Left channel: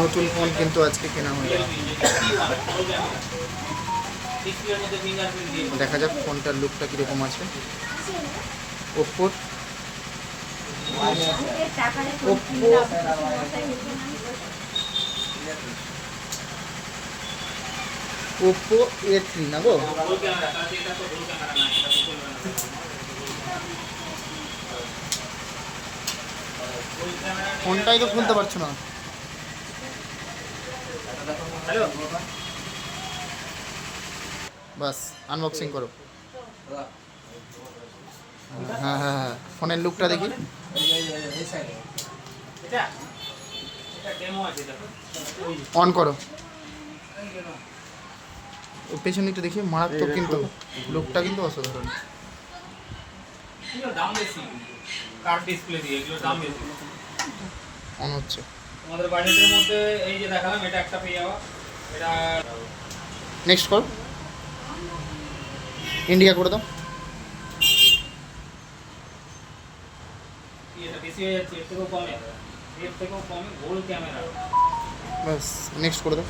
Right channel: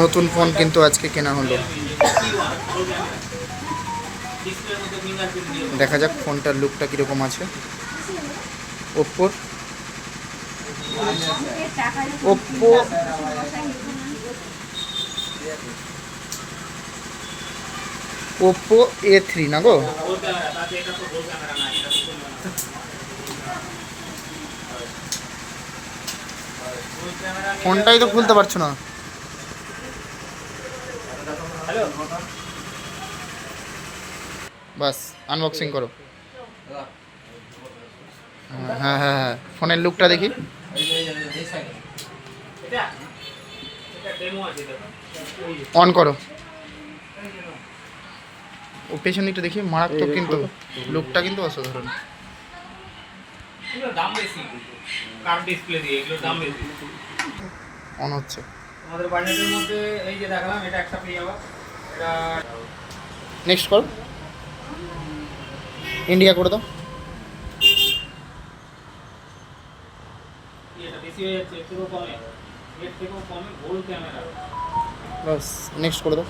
নতুন ফোন কিন্তু আজকে কেনা হলো। দেখা যাক ফোনটার লুকটা কীরকম আছে। ওপ্পোর ওপ্পো ওপ্পো A3 না গো? ফোনটাই তো খুলতে পারছো না। বাস আনবক্সিং করো। হ্যাঁ হ্যাঁ হ্যাঁ, ফোনের লুকটা দেখি। অন করো। ও পেছন দিকটা দেখি, মারাত্মক কিন্তু লুকটা কিন্তু অসাধারণ। অন হচ্ছে। আমাদের বাজেটের মধ্যে এই যে দেখালাম এটা একটা পেয়ে যাওয়া। এটা নেক্সট করো, ইন্ডিয়া করে দাও। এটা বেশি হয়ে যাচ্ছে, এর থেকেও কমে, এর থেকেও কমে গোল ক্যামেরা। বাস নেক্সট করে দাও।